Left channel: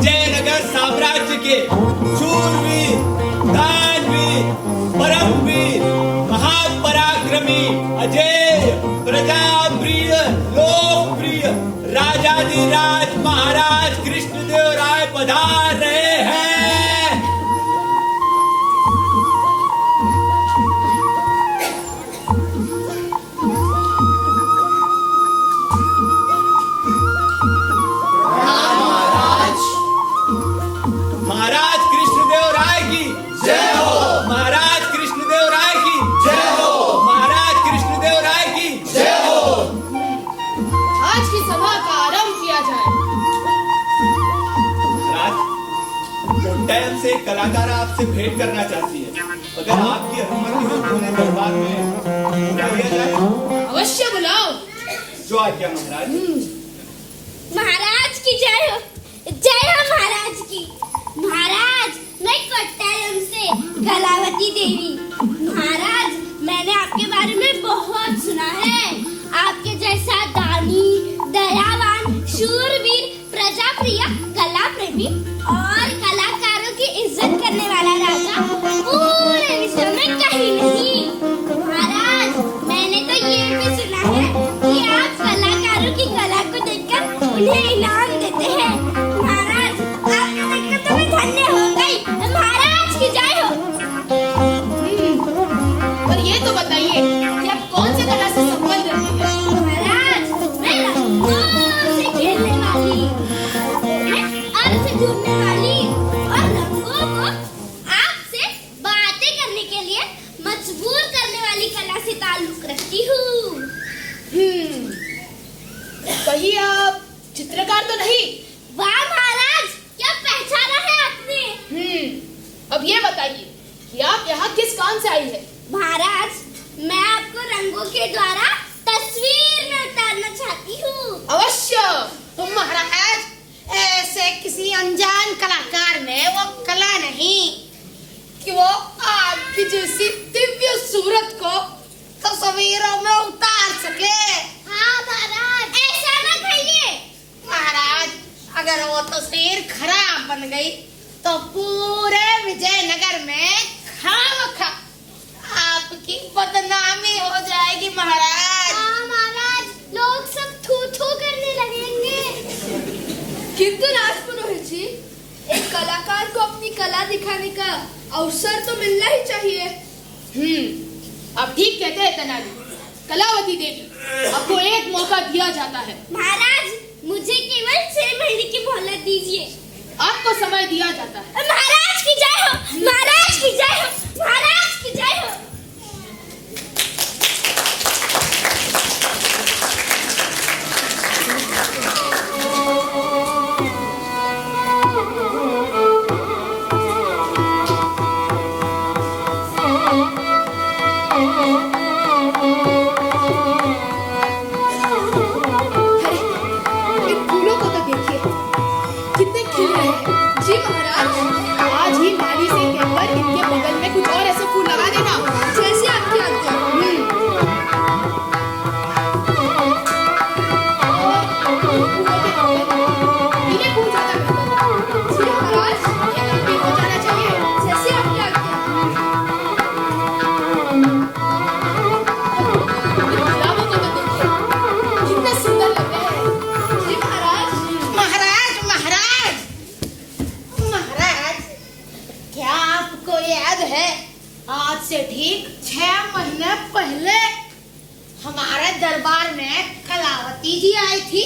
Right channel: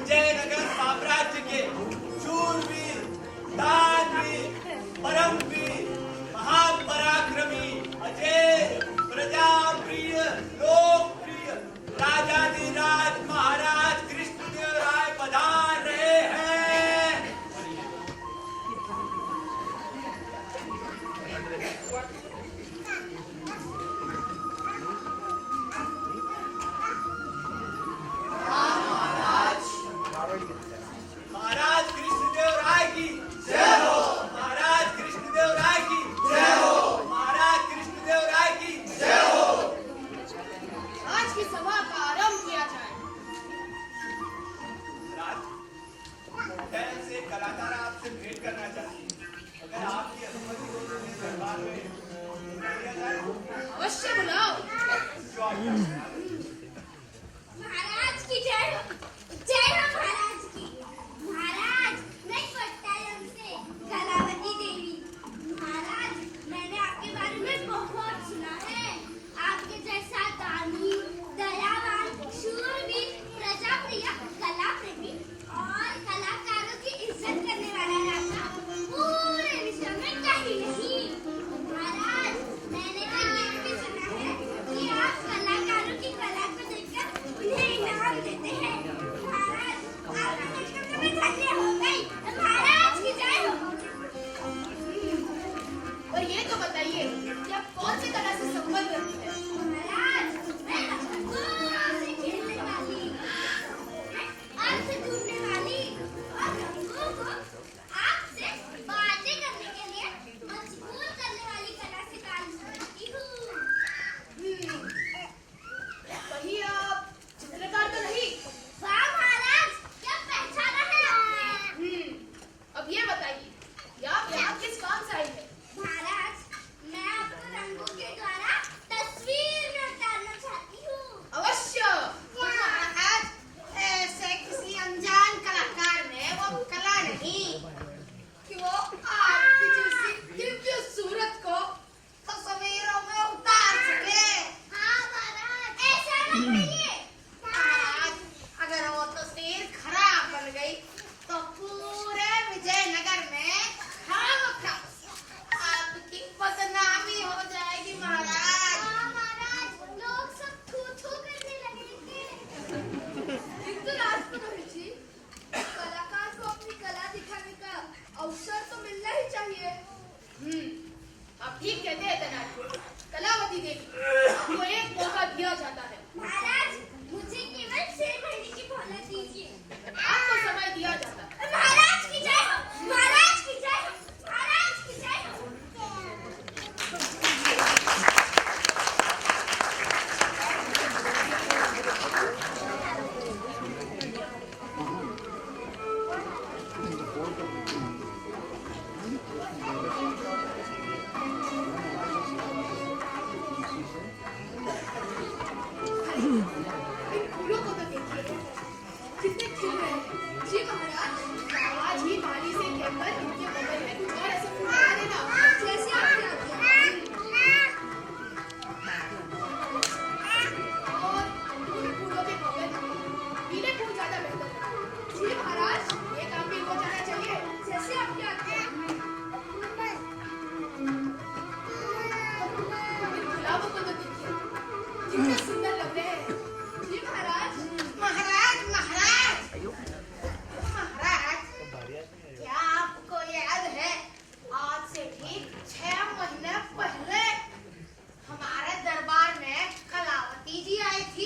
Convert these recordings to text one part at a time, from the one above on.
विजयनगर साम्राज्य के शूरवीर, दानवीर, परमवीर, महापराक्रमी, अजय, प्रजाप्रिय, लोकप्रिय राजाधिराज महाराज कृष्णदेव राय पधार रहे हैं। महाराज कृष्णदेव राय की जय हो। महाराज कृष्णदेव राय की जय हो। महाराज कृष्णदेव राय की जय हो। आज की सभा का आरंभ किया जाए। महाराज, कोट्टयम से कलाकार आपसे भेंट करना चाहती है। अगर आपकी अनुमति हो तो उन्हें दरबार में बुलाया जाए। अवश्य बुलाओ। जो आज्ञा महाराज। महाराज की जय हो। जय हो महाराज की। महाराज, मैं कोट्टयम से कलावती देवी। महाराज, मैंने आपके बारे में बहुत सुना है। आपके जैसा दानी, दयावान, शूरवीर, प्रजाप्रिय, कला प्रेमी और कलाकारों की इज्जत करने वाला राजा पूरे विश्व में कहीं नहीं। महाराज, मैंने तो ये भी सुना है कि आप कलाकारों की कला को देखकर उन्हें इनाम देते हैं। महाराज, आपको देखकर तो मैं धन्य हो गई। महाराज की जय हो। पर ये तो बताइए कि आप कौन से कला से संबंध रखते हैं? महाराज, मैं रंगों से खेलने वाली, मैं अर्थ ढूंढने वाली और रंगों को आपसे बातें करने के लिए मजबूर करने वाली कला से ताल्लुक रखती हूँ। कहीं आप चित्रकार तो नहीं? वाह महाराज, क्या पहचाना है आपने। अब ये बताइए कि आप यहाँ किस काम से आई है? महाराज, मैं आपको रंगों के द्वारा तस्वीर में उतारना चाहती हूँ। अवश्य। महाराज, ऐसे किसी अनजान कलाकार ने वो कला नहीं कि वो आपकी जैसी दिव्य सूरत को तस्वीरों में उतार सके। हाँ महाराज, ऐसा ना कहिए। महाराज, अगर वो तस्वीर खराब बन गई तो पूरे विजयनगर में खामखा आपकी बदनामी हो जाएगी। महाराज, हाँ महाराज, लोग सब थू थू करने लगेंगे। किंतु राजपुरोहित जी, एक कलाकार को अपनी कला दिखाने का अवसर तो मिलना ही चाहिए। आप ठीक कहते हैं तेनाली। कलावती देवी, आपको एक मौका दिया जाता है। महाराज, मुझे केवल 6 महीने की मोहलत दीजिए। आपको समय दिया जाता है। महाराज की जय हो। महाराज की जय हो। महाराज की जय हो। इन फूलों को तो देखिए, कितने खिल रहे हैं। जी महाराज, आज ही माली से कहकर इनके बगल में कुछ और ऐसे फूल लगा देना, जैसे आपकी आज्ञा। और फूलों के बगल इन्हें फूल ज्यादा बेहतर है। जी महाराज, ये काम भी हो जाना चाहिए, जैसे आपकी आज्ञा। इन गुलाबों को तो देखिए, कितने सुंदर लग रहे हैं। जी महाराज। महाराज, महाराज, महाराज, क्या आपको याद है आज से ठीक 6 महीने पहले हमारे दरबार में कलावती जी आई थी?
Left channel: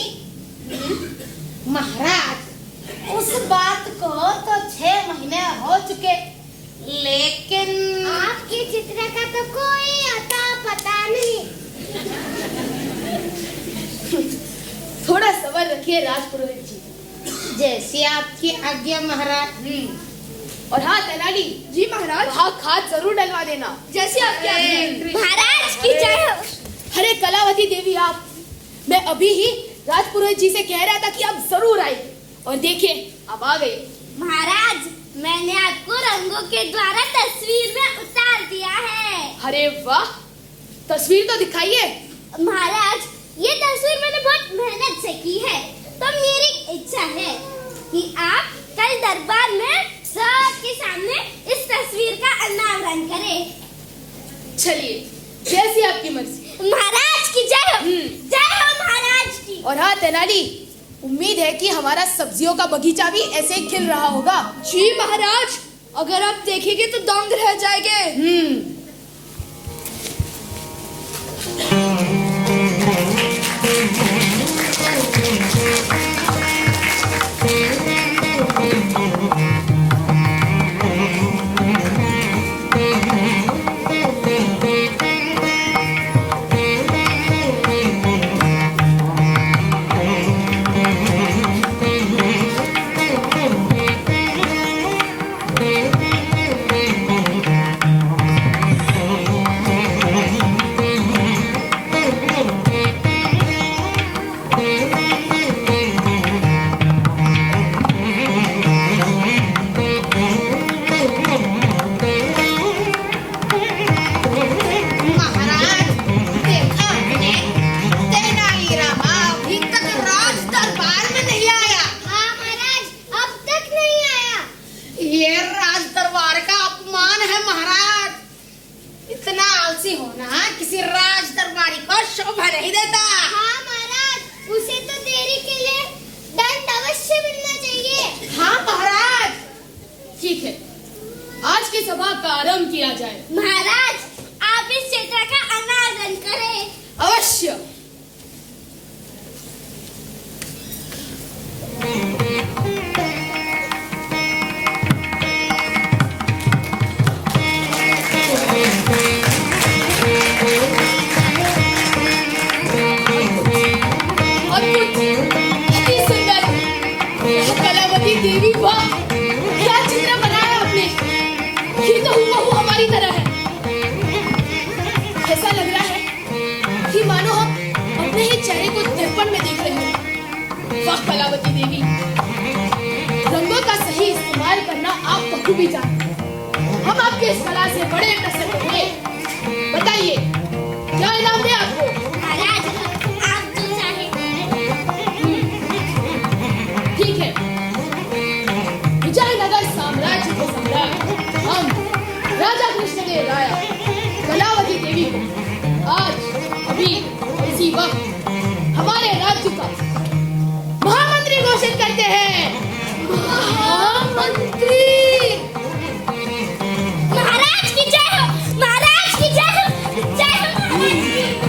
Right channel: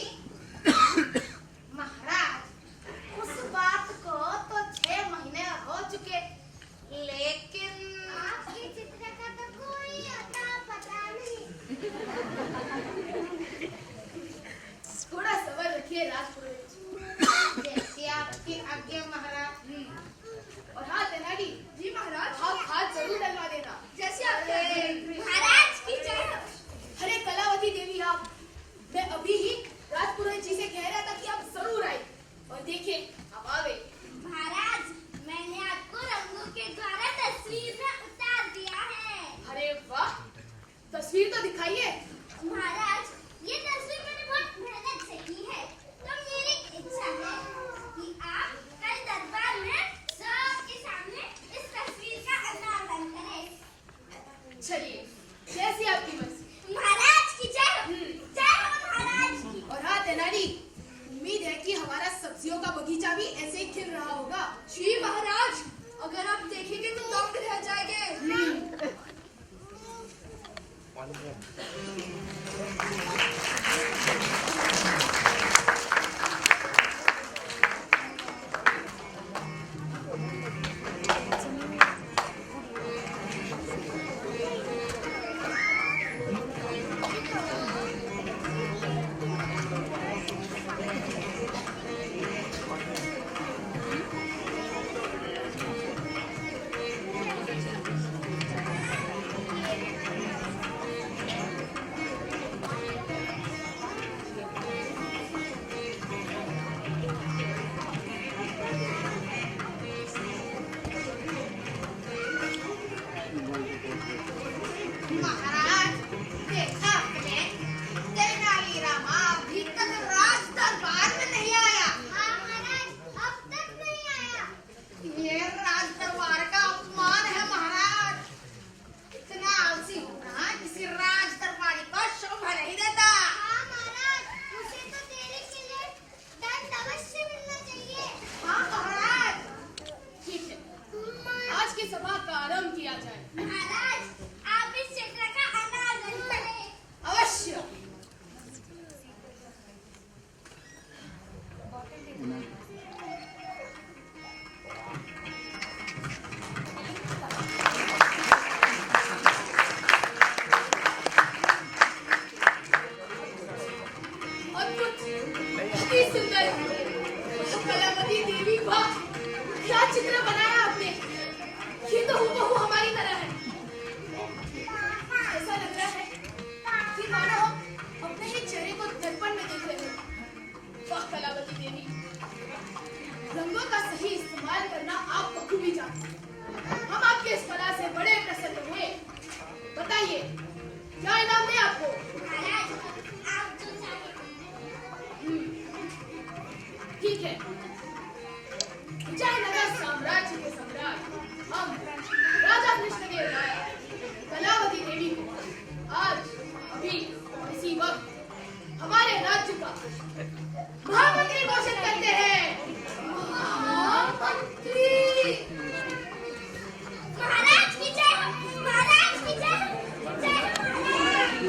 महाराज, उस बात को तो 6 महीने हो चुके, लेकिन आपकी चित्र का तो कोई अता पता नहीं। थोड़ा सबर रखिए राजपुरोहित जी। जैसी आपकी आज्ञा महाराज। और हाँ तेनाली जी महाराज, हाँ खाद जरूर डलवा देना, जैसे आपकी आज्ञा। महाराज की जय हो। अरे कलावती देवी, आप, मैं अभी ही राजपुरोहित जी से कह रहा था कि आप जरूर आए, और देखिए आप आ गए। महाराज, मैंने आपको रंगों के द्वारा तस्वीर में उतार दिया है। अरे वाह, तस्वीर तो दिखाइए। महाराज, तस्वीर मैंने बहुत मेहनत से की है, तो मेरी इच्छा है कि आप दरबार में सबके सामने इस तस्वीर का अनावरण करें। चलिए, जैसी आपकी मर्जी। महाराज की जय हो। जय हो महाराज की। और हाँ तेनाली, उम्मीद है कि हमारा सब्जियों का बगीचा भी ऐसे ही खिल रहा होगा। जी महाराज, अगर आप देखेंगे तो दंग रह जाएंगे। महाराज, आप इस चित्र का अनावरण करें। अवश्य। कलावती देवी, वाह, क्या चित्र बनाया आपने। ये तो हूबहू हमारी तरह है। ऐसा लग रहा है कि मानो हम अपने ही चेहरे को दर्पण में देख रहे हैं। वाह कलावती देवी, रंगों का सही इस्तेमाल करना आप बखूबी जानते हैं। हम आपके इस कला से बड़े प्रसन्न हुए। बताइए, क्या इनाम दें आपको? महाराज, आप जो चाहें। ठीक है, विजयनगर साम्राज्य के सम्राट हम राजा कृष्णदेव राय कलावती देवी को आज अभी इसी वक्त हमारे राज्य का महामंत्री घोषित करते हैं। महामंत्री। महाराज की जय हो। महाराज की जय हो। जय हो महाराज की।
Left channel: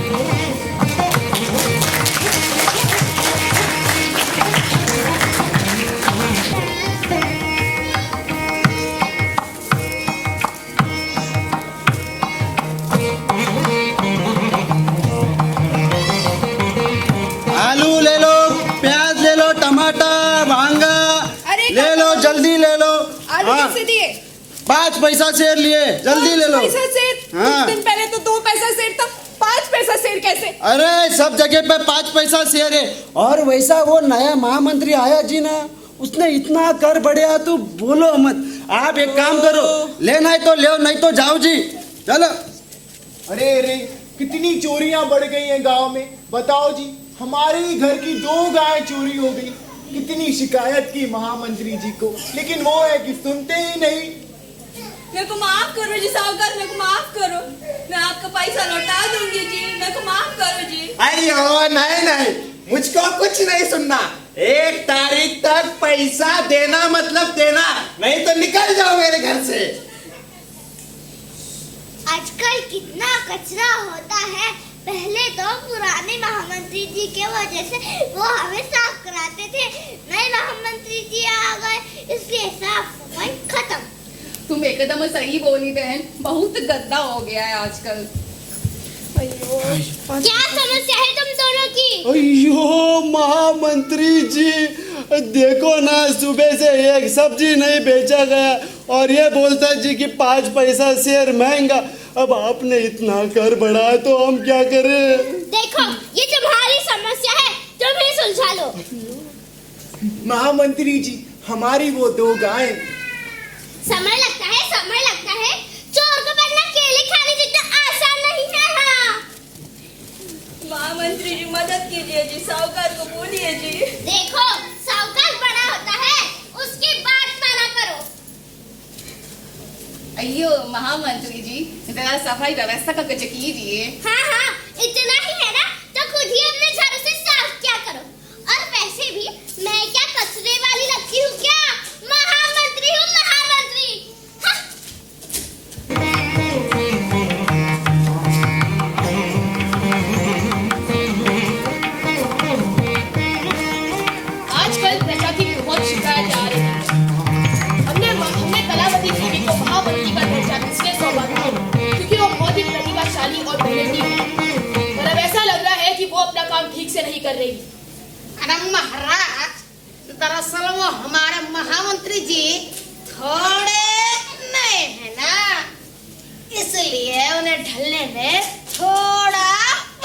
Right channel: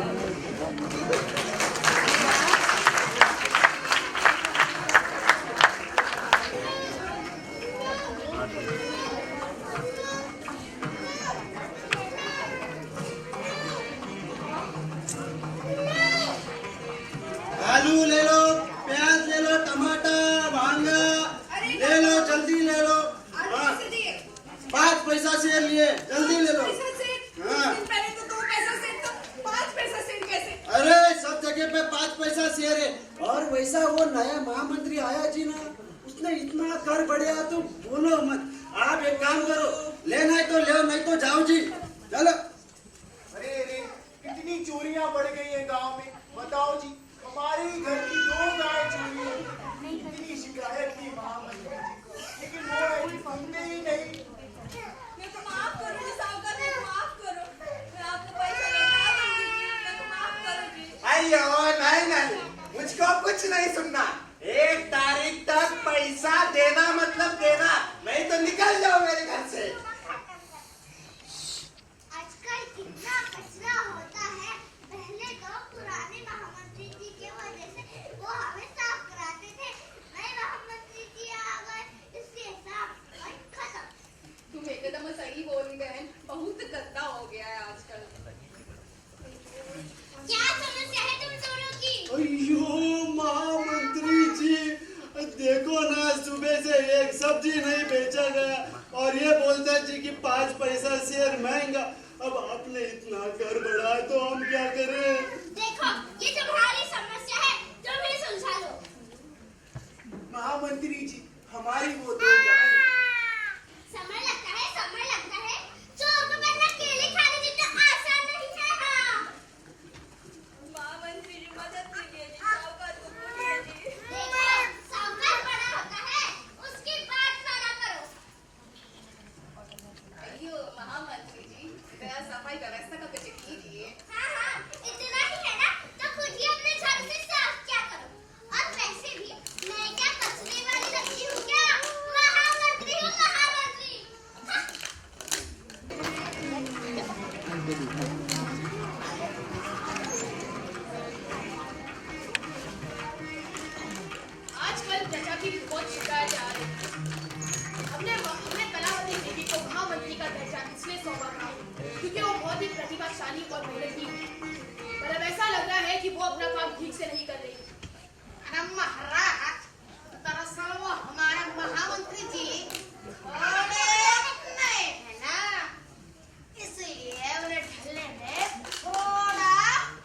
आलू ले लो, प्याज ले लो, टमाटर, भांगा ले लो, जल्दी ले लो। आलू हाँ, कैसे दिए? 5 पैसा शेर लिए, जल्दी ले लो। पैसा सेर? हाँ। कुछ दिन पहले तो 2 पैसा सेर था, 5 पैसा सेर कैसे? अरे सब जगह पे 5 पैसा शेर है। और वैसा वो नया महामंत्री आया जी ना, उसने इतना कर बढ़िया, तो बोलो मत। आप एक काम करो, लेना है तो ले, नहीं तो जाओ जी, चलो। अरे अरे, कितनी चोरियां बढ़ गई हैं गांव में। बताओ जी, हमारे ही घर की 2 गायें चोरी हो गई। कितनी शिकायत की महामंत्री जी को, लेकिन वो है कि सुनते ही नहीं। मेरे को माफ करो जी साहूकार, मेरे को माफ करो। मैं आपका पैसा लौटा दूंगी जी, मेरे को माफ करो जी। अयो नहीं नहीं, मुझको कुछ नहीं सुनना। 1 तारीख तक पैसा देना मतलब देना, नहीं तो निकल जाओ मेरे घर से। आजकल कितना कचरा होता है। पहले तो पुराने महामंत्री जी के वजह से वो हमें साफ कराते थे। नए महामंत्री जी आ गए, इसलिए साफ सफाई खत्म। तुम एकदम सही बोली बहन, बहुत गंदा हो गया है आजकल। क्या समस्या है तुम दोनों की? अयो महामंत्री जी, देखो ना, सुबह से एक सब्जी नहीं बेचा गया और ये बोलता है जी कि 5 पैसा शेर महंगा। अब आपने इतना कर बढ़ाया तो हम क्या करें? देखो, ये तुम्हारी समस्या है, तुम ही सुलझा लो। महामंत्री जी, हमारी वो 2 गायें। समय लगता है, समय लगता है। चोर को पकड़ना केले खाने जितना आसान नहीं है। हाँ, महामंत्री जी मदद कीजिए जी, साहूकार को बोलिए जी। देखो, साहूकार बड़ा होता है, उसकी बात अयो महामंत्री जी, जरा सफाई व्यवस्था का कुछ कीजिए। हाँ हाँ, इतना ही है ना तो खुद ही अपने झाड़ू से साफ क्या करो। और वैसे भी मैं क्या कचरे वाली लगती हूँ क्या? महामंत्री हूँ, महामंत्री। हाँ। आजकल प्रजा की बहुत शिकायत आ रही है। हमने कलावती देवी को महामंत्री का दर्जा इसलिए सौंपा था क्योंकि वो बहुत ही प्रतिभाशाली और मेहनती है। पर अब ऐसा लग रहा है कि वो अपना काम ठीक से नहीं कर रही। अरे महाराज, दरअसल वो हमारे महामंत्री जी थोड़े नए हैं ना, इसलिए उन्हें ढलने में थोड़ा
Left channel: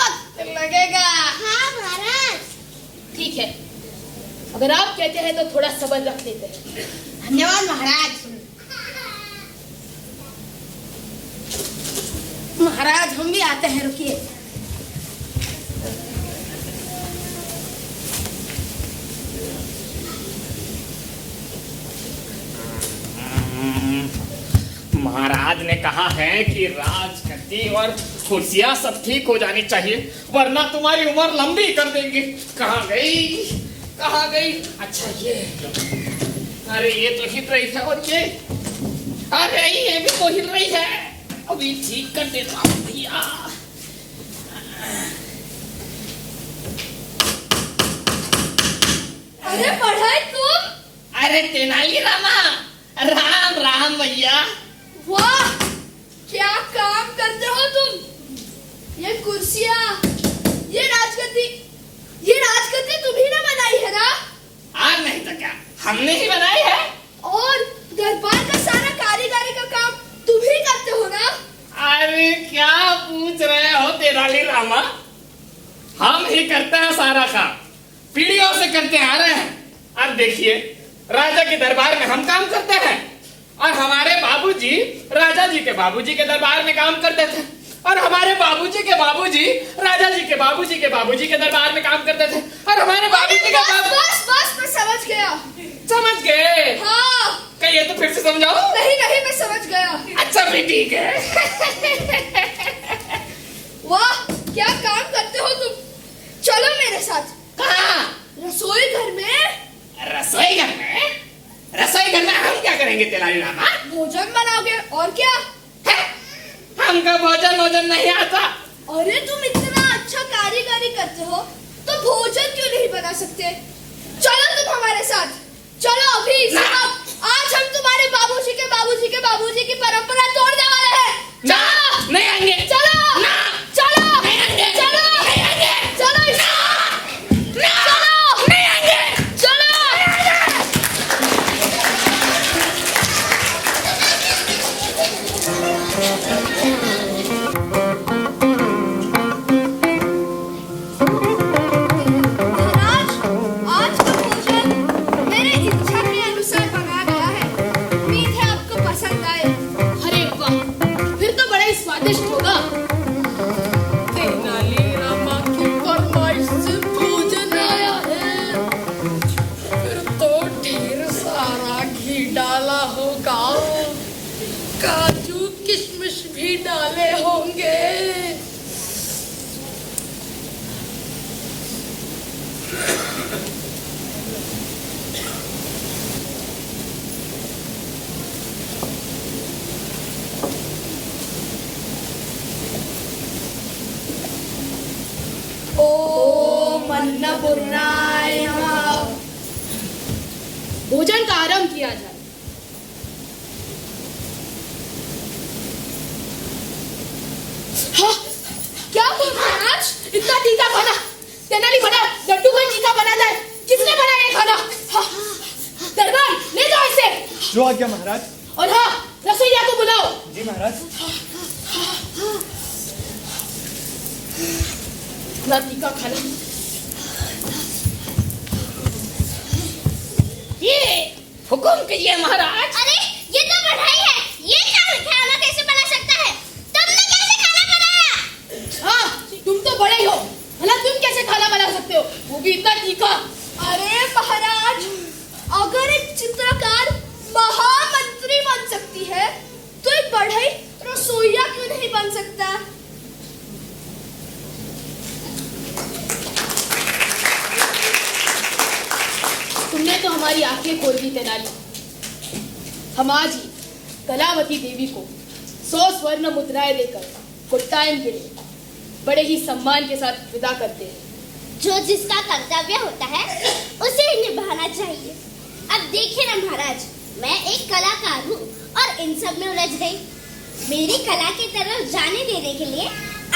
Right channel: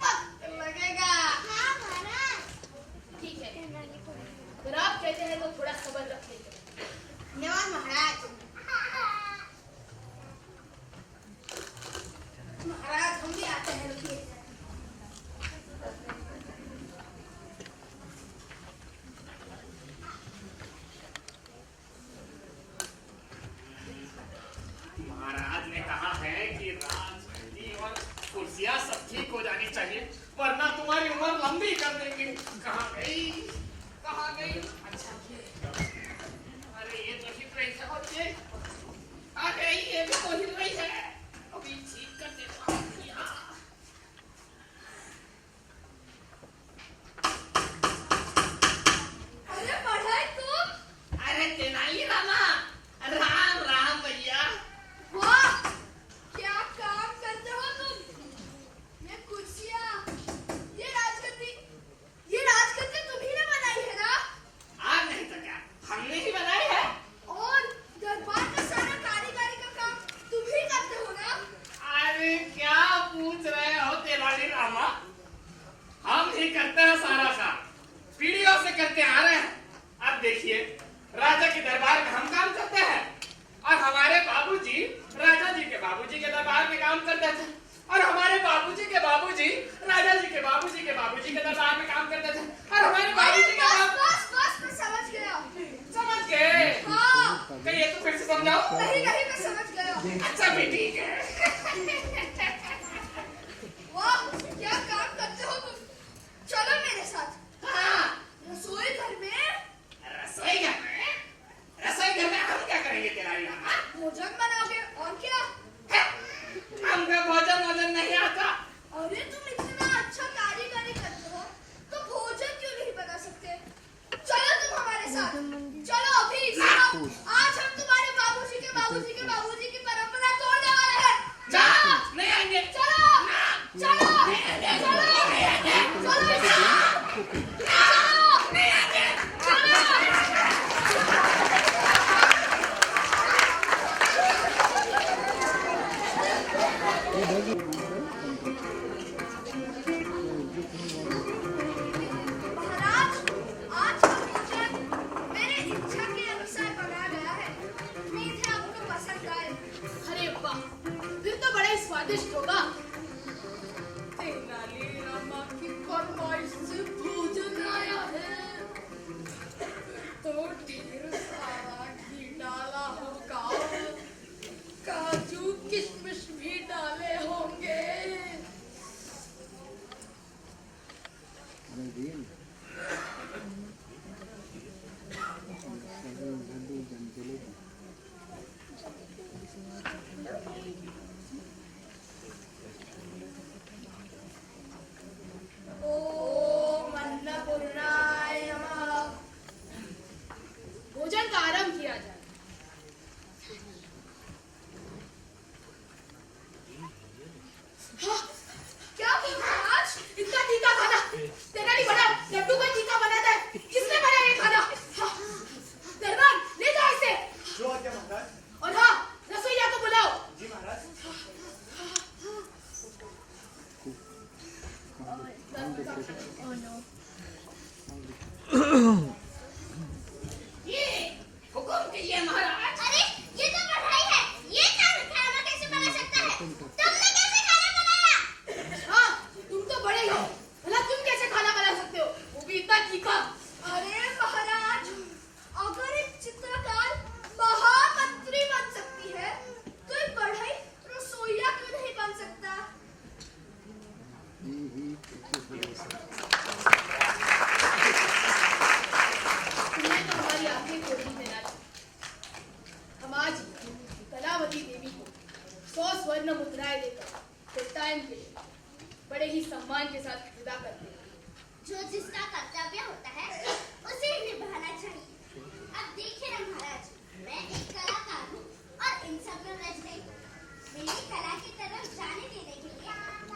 वक्त लगेगा। हाँ महाराज। ठीक है, अगर आप कहते हैं तो थोड़ा सब्र रख लेते हैं। धन्यवाद महाराज। महाराज हम भी आते हैं, रुकिए। महाराज ने कहा है कि राजगद्दी और कुर्सियां सब ठीक हो जानी चाहिए, वरना तुम्हारी उम्र लंबी कर देंगे। कहाँ गई, कहाँ गई? अच्छा ये, अरे ये तो हिल रही है, और ये, अरे ये भी तो हिल रही है। अभी ठीक कर देता हूँ भैया। अरे पढ़ाई तुम? अरे तेनालीरामा, राम राम भैया। वाह, क्या काम करते हो तुम? ये कुर्सियाँ, ये राजगद्दी तुम्ही ने बनाई है ना? नहीं तो क्या, हमने ही बनाई है। और दरबार का सारा कारीगरी का काम तुम ही करते हो ना? अरे क्या पूछ रहे हो तेनालीरामा, हम ही करते हैं सारा काम, पीढ़ियों से करते आ रहे हैं। अब देखिए, राजा के दरबार में हम काम करते हैं, और हमारे बाबूजी राजा जी के बाबूजी के दरबार में काम करते थे, और हमारे बाबूजी के बाबूजी राजा जी के बाबूजी के बाबूजी के दरबार में काम करते थे, और हमारे बाबूजी के बस मैं समझ गया। समझ गए? हाँ। कहिए तो फिर से समझाओ। नहीं मैं समझ गया। अच्छा भी ठीक है। वाह, क्या काम करते हो तुम? चलो मेरे साथ। कहाँ? रसोई घर में। रसोई घर में? रसोई घर में हम क्या करेंगे तेनालीरामा? भोजन बनाओगे, और क्या? हमका भोजन नहीं आता। अरे तुम इतना अच्छा कारीगरी करते हो तो भोजन क्यों नहीं बना सकते? चलो तुम हमारे साथ, चलो अभी। आज हम तुम्हारे बाबूजी के बाबूजी के बाबूजी की परंपरा तोड़ने वाले हैं। ना, नहीं आएंगे। चलो ना, चलो नहीं आएंगे। चलो नहीं आएंगे। चलो ना, नहीं आएंगे। चलो। महाराज, आज का भोजन मेरे इच्छा के अनुसार बनाया गया है। उम्मीद है आपको पसंद आए। अरे वाह, फिर तो बड़ा ही स्वादिष्ट होगा। तेनालीरामा की फरमाइश से भोजन आया है। फिर तो ढेर सारा घी डाला होगा, काजू किशमिश भी डाले होंगे। ओम अन्नपूर्णाय नमः। भोजन का आरंभ किया जाए। हाँ, क्या हुआ महाराज? इतना तीखा खाना? तेनाली बना, लड्डू को तीखा बना दे। किसने बनाया ये खाना? हाँ, दरबार ले जाओ इसे। जो आज्ञा महाराज। और हाँ, रसोइया को बुलाओ। जी महाराज। इतना तीखा खाना। ये हुकुम कीजिए महाराज। अरे ये तो बढ़ाई है, ये खाना कैसे बना सकता है? तुमने कैसे खाना बनाया? हाँ, तुम तो बड़े ही हो, भला तुम कैसे खाना बना सकते हो, वो भी इतना तीखा? अरे महाराज, अगर एक चित्रकार महामंत्री बन सकती है तो एक बोल दी तेनाली। हम आज ही कलावती देवी को 100 स्वर्ण मुद्राएं देकर कोट्टायम के लिए बड़े ही सम्मान के साथ विदा करते हैं। जो जिसका कर्तव्य होता है उसे निभाना चाहिए। अब देखिए ना महाराज, मैं एक कलाकार हूँ और इन सब में उलझ गई। मेरी कला की तरफ जाने देने के लिए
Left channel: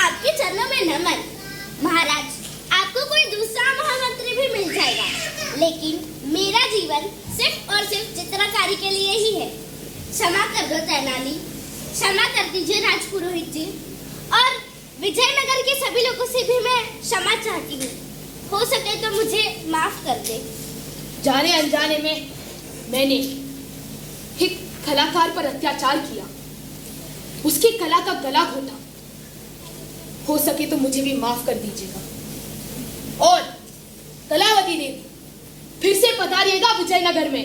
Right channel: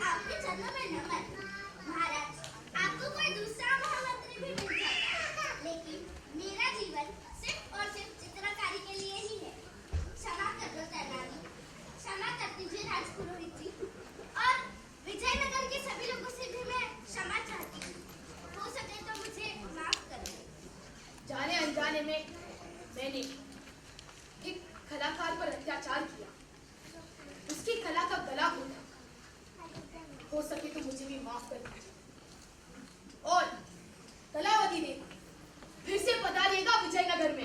आपके चरणों में नमन। महाराज, आपको कोई दूसरा महामंत्री भी मिल जाएगा, लेकिन मेरा जीवन सिर्फ और सिर्फ चित्रकारी के लिए ही है। क्षमा कर दो तेनाली, क्षमा कर दीजिए राजपुरोहित जी, और विजयनगर के सभी लोगों से भी मैं क्षमा चाहती हूँ। हो सके तो मुझे माफ कर दे। जाने अनजाने में मैंने एक कलाकार पर अत्याचार किया, उसकी कला का गला घोटा। हो सके तो मुझे भी माफ कर दीजिएगा। और कलावती देवी फिर से पधारिएगा विजयनगर में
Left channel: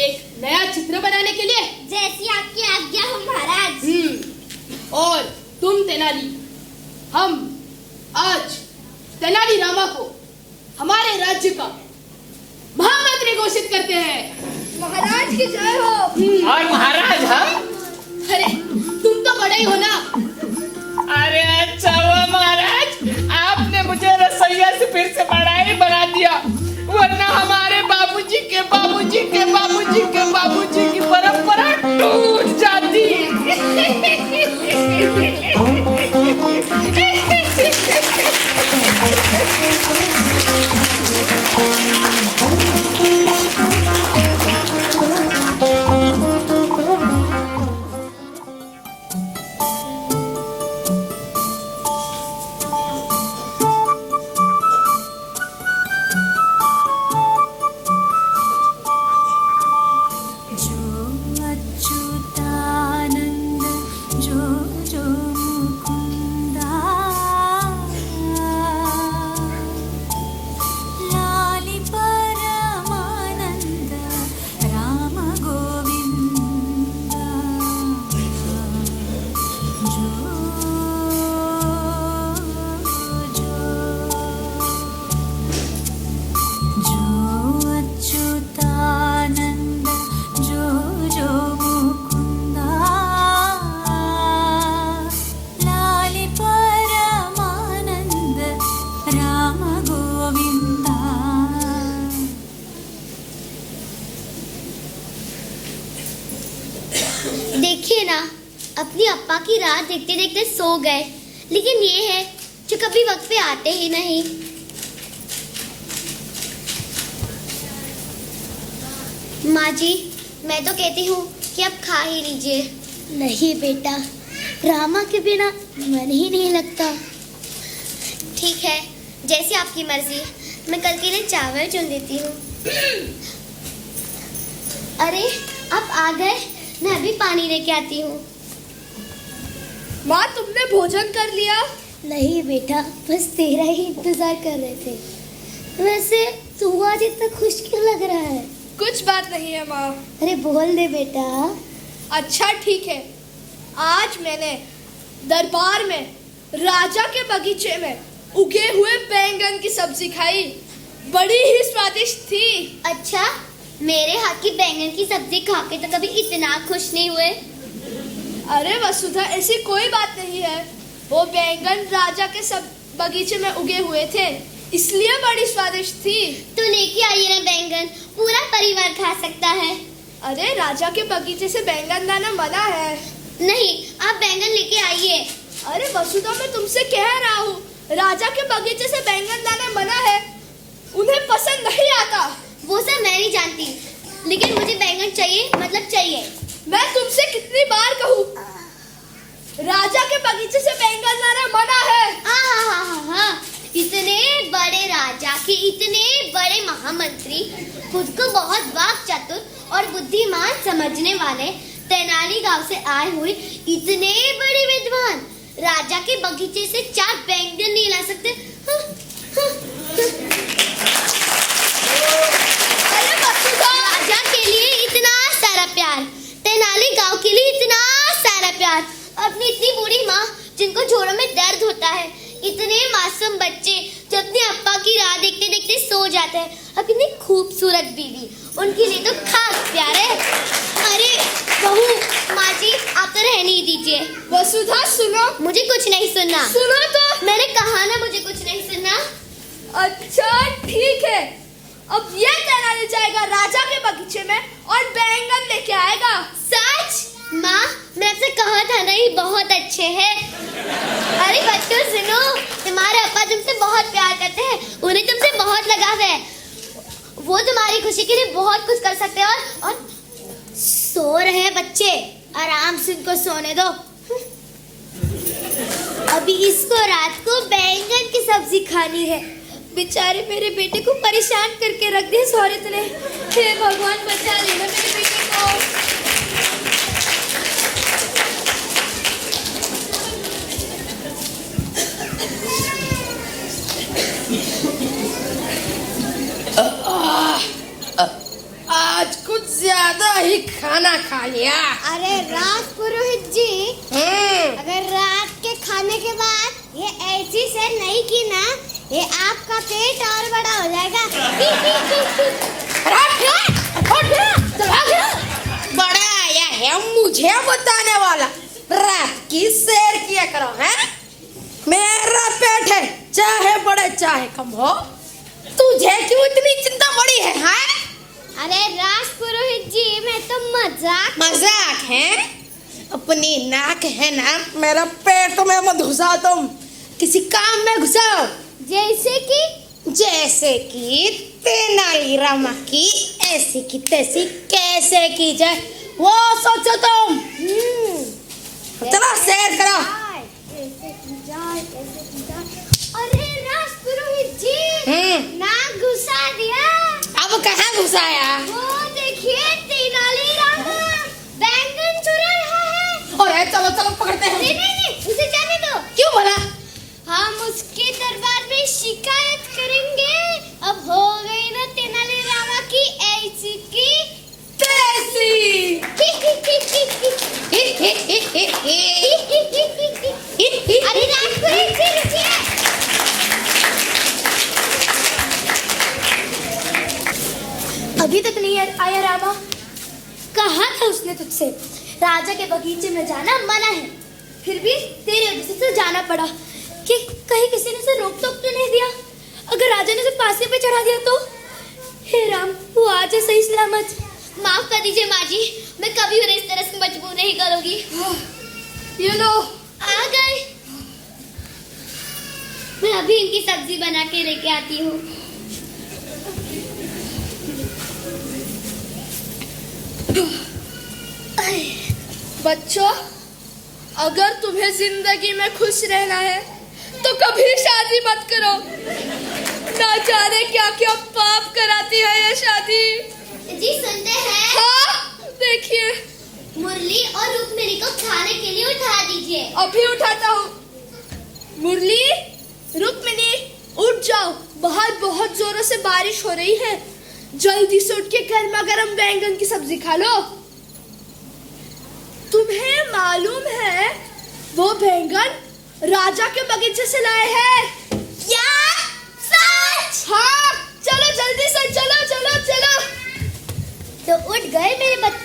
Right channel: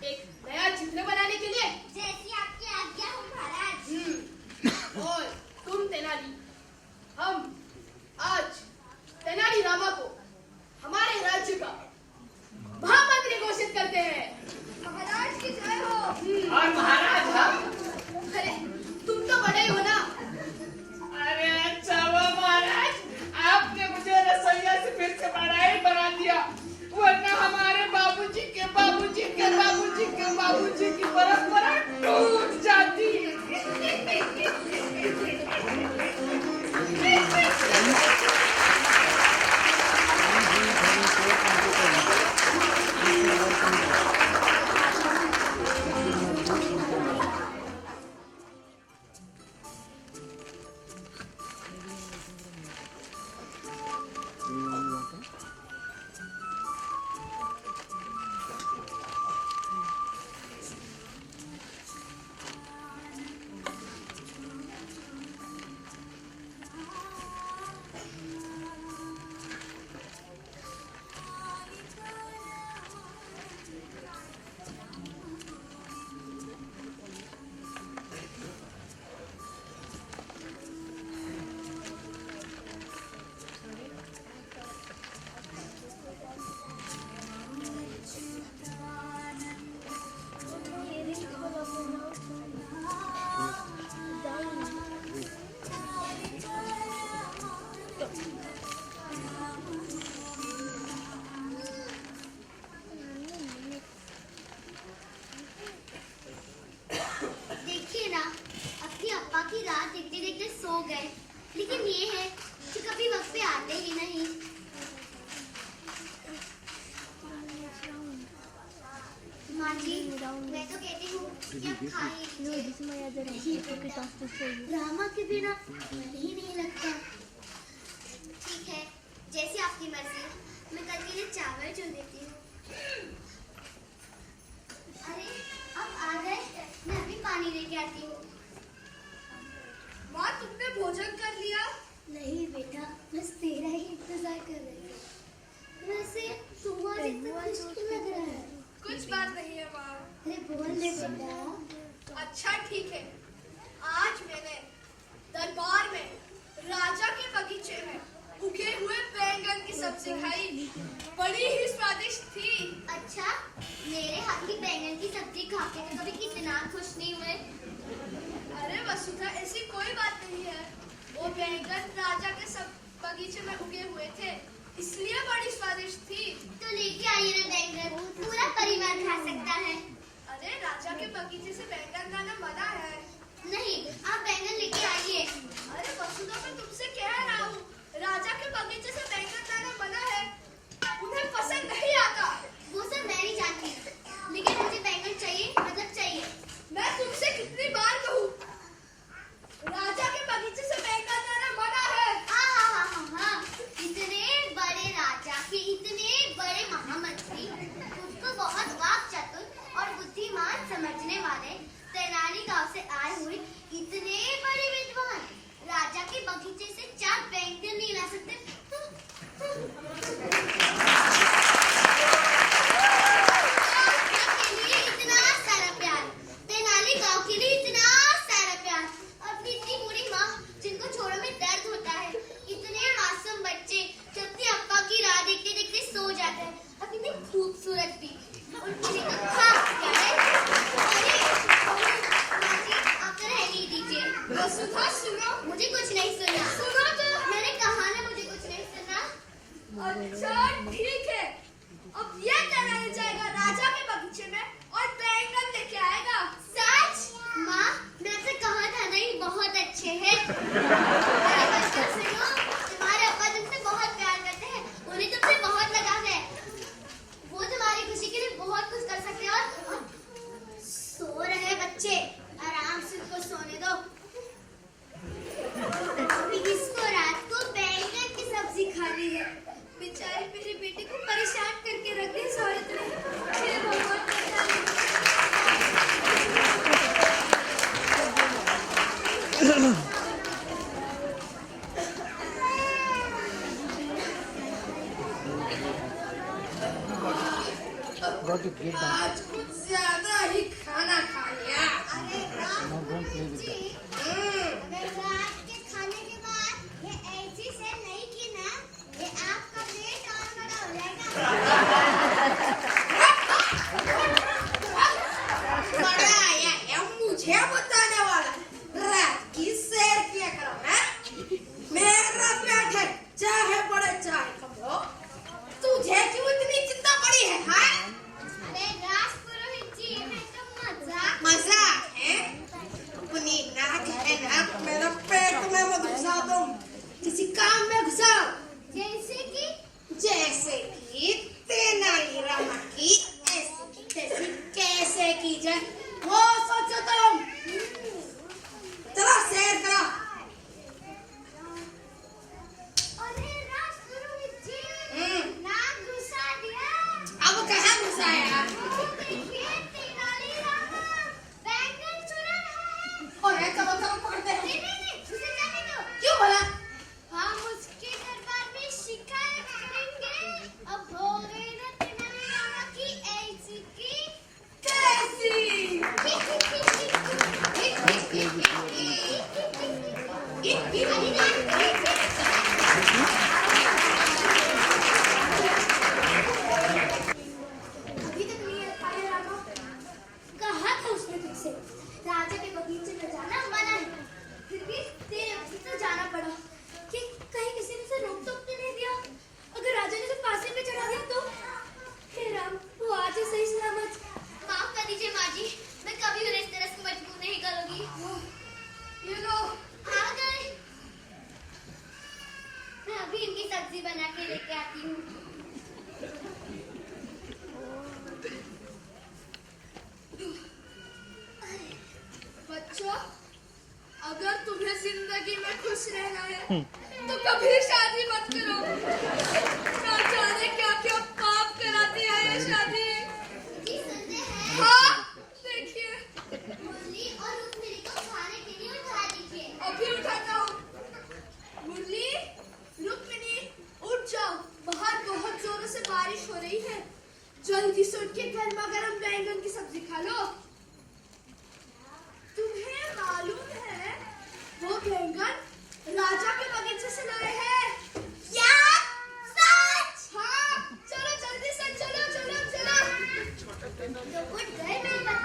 एक नया चित्र बनाने के लिए। जैसी आपकी आज्ञा हो महाराज। और तुम तेनाली, हम आज तेनाली रामा को हमारे राज्य का महामंत्री घोषित करते हैं। महाराज की जय हो। और महाराज हम? अरे तुम तो बड़े ही हो ना। अरे अच्छा हुआ महाराज, आपने मुझे रसोइया से फिर से बड़ा ही बना दिया, वरना हमारे बाबूजी के बाबूजी के बाबूजी के बाबूजी की परंपरा टूट जाती। देखिए ना, अपनी अप्पा की राह देखते देखते सो गए, लेकिन ये है जो कभी वक्त पे आते ही नहीं। माँ जी, मैं तो कहती हूँ कि अब खा ही लीजिए। नहीं बेटा, रामा के बिना मन ही नहीं लगता। ठीक है, जैसी आपकी मर्जी। मैं कल के लिए चावल चुन देती हूँ। अरे आप आ गए, मैं अभी पानी लेके आती हूँ। माँ, तुमने भोजन कर लिया? नहीं बेटा, बस तेरा ही इंतजार कर रहे थे। वैसे तू आज इतना खुश क्यों लग रहा है? कुछ बात नहीं है माँ। अरे बोल दे बेटा। अच्छा ठीक है, आज मैंने दरबार में राजा के बगीचे में उगे हुए बैंगन की सब्जी खाई, बड़ी ही स्वादिष्ट थी। अच्छा, मेरे हाथ की बैंगन की सब्जी खा के तो कभी इतना खुश नहीं हुए। अरे वसुधा, ऐसी कोई बात नहीं है। वो बैंगन राजा के सब बगीचे में उगे हुए थे, इसलिए बड़ी स्वादिष्ट थी। तो लेके आइए ना बैंगन, पूरा परिवार खा सकता है। अरे राजा के बगीचे से बैंगन लाना मना है। नहीं, आप बैंगन लेके आइए। अरे वसुधा, मैं तुमसे कह रहा हूँ, राजा के बगीचे से बैंगन लाना मना है, उन्हें पसंद नहीं आता। वो सब मैं नहीं जानती, लेकिन मुझे बैंगन चाहिए, मतलब चाहिए। मैं तुमसे कितनी बार कहूँ, राजा के बगीचे से बैंगन लाना मना है। हाँ, इतने बड़े राजा के इतने बड़े महामंत्री, खुद को बहुत वाक चतुर और बुद्धिमान समझने वाले तेनाली गांव से आए हुए इतने बड़े विद्वान राजा के बगीचे से 4 बैंगन नहीं ला सकते। राजा के लिए इतना सारा प्यार, तेनाली गांव के लिए इतना सारा प्यार, अपनी इतनी बूढ़ी माँ जिनको जोड़ों में दर्द होता है, इतने मासूम बच्चे जो अपने अप्पा की राह देखते देखते सो जाते हैं, अब इतनी खूबसूरत बीवी उनके लिए तो खास प्यार है। अरे बहू, माँ जी आप तो रहने ही दीजिए। वसुधा सुनो, मुझे कुछ नहीं सुनना। सुनो तो। मैंने कहा ना मुझे कुछ नहीं सुनना। अच्छा ठीक है, अब ये तेनाली जाएगा राजा के बगीचे में और बैंगन लेके आएगा। सच? माँ मैं आपसे कहा था ना ये बहुत अच्छे हैं। अरे बच्चों सुनो, तुम्हारे पापा तुमसे बहुत प्यार करते हैं, उन्हें तुमसे बहुत लगाव है। वो तुम्हारी खुशी के लिए बहुत कुछ कर सकते हैं। और सो रहे हैं बच्चे, आराम से उनको सोने दो। अभी इसको रात को बैंगन की सब्जी खानी है। बेचारे मेरे बेटे को परेशान करके रख दिया इस औरत ने। हे भगवान बचा लेना मेरे बेटे को। आज कुछ ज्यादा ही खाना खा लिया। अरे राज पुरोहित जी, अगर रात के खाने के बाद ये ऐसी से नहीं की ना, ये आपका पेट और बड़ा हो जाएगा। बड़ा आया है मुझे बताने वाला, रात की सैर किया करो है। मेरा पेट है, चाहे बड़े चाहे कम हो, तुझे क्यों इतनी चिंता बड़ी है? हाँ? अरे राज पुरोहित जी, मैं तो मजाक है। अपनी नाक है ना मेरा पेट में मत घुसा, तुम किसी काम में घुसाओ। जैसे कि तेनालीरामा की ऐसी की तैसी कैसे की जाए वो सोचो तुम। चलो सैर करो। अरे राज पुरोहित जी, नाक घुसा दिया। अब कहाँ घुसाया? वो देखिए तेनालीरामा बैंगन चुरा रहा है। और चलो चलो पकड़ते हैं। नहीं, उसे जाने दो। क्यों बोला? हम उसके दरबार में शिकायत करेंगे। अब हो गई ना तेनालीरामा की ऐसी की तैसी। अरे राज पुरोहित जी रुकिए। अभी तक नहीं आया रामा। कहा था उसने तुझसे राजा के बगीचे में जाना मना है, फिर भी तेरे वजह से जाना पड़ा। कि कहीं किसी ने उसे रोक टोक तो नहीं दिया? अगर राजा ने उसे फांसी पे चढ़ा दिया तो? हे राम, वो आज है सही सलामत। माफ कर दीजिए माँ जी, मैं कभी उन्हें इस तरह से मजबूर नहीं करूंगी। ये लो, आ गए। मैं अभी इनकी सब्जी बना के लेके आती हूँ। बच्चों, अगर तुम्हें जिंदगी में खुश रहना है तो कभी शादी मत करो। ना जाने क्या क्या पाप कराती है ये शादी। जी सुनते हैं? हाँ देखिए, मुरली और रुक्मिणी को खाने के लिए उठा दीजिए। अभी उठाता हूँ। मुरली, रुक्मिणी उठ जाओ, बाहर बहुत जोरों से बारिश हो रही है। जल्दी से उठ के गर्मा गर्म बैंगन की सब्जी खा लो। तुम्हें मालूम है वो बैंगन राजा के बगीचे से लाए हैं। क्या? सच? हाँ, चलो जल्दी से, चलो चलो चलो। तो उठ गए मेरे बच्चे।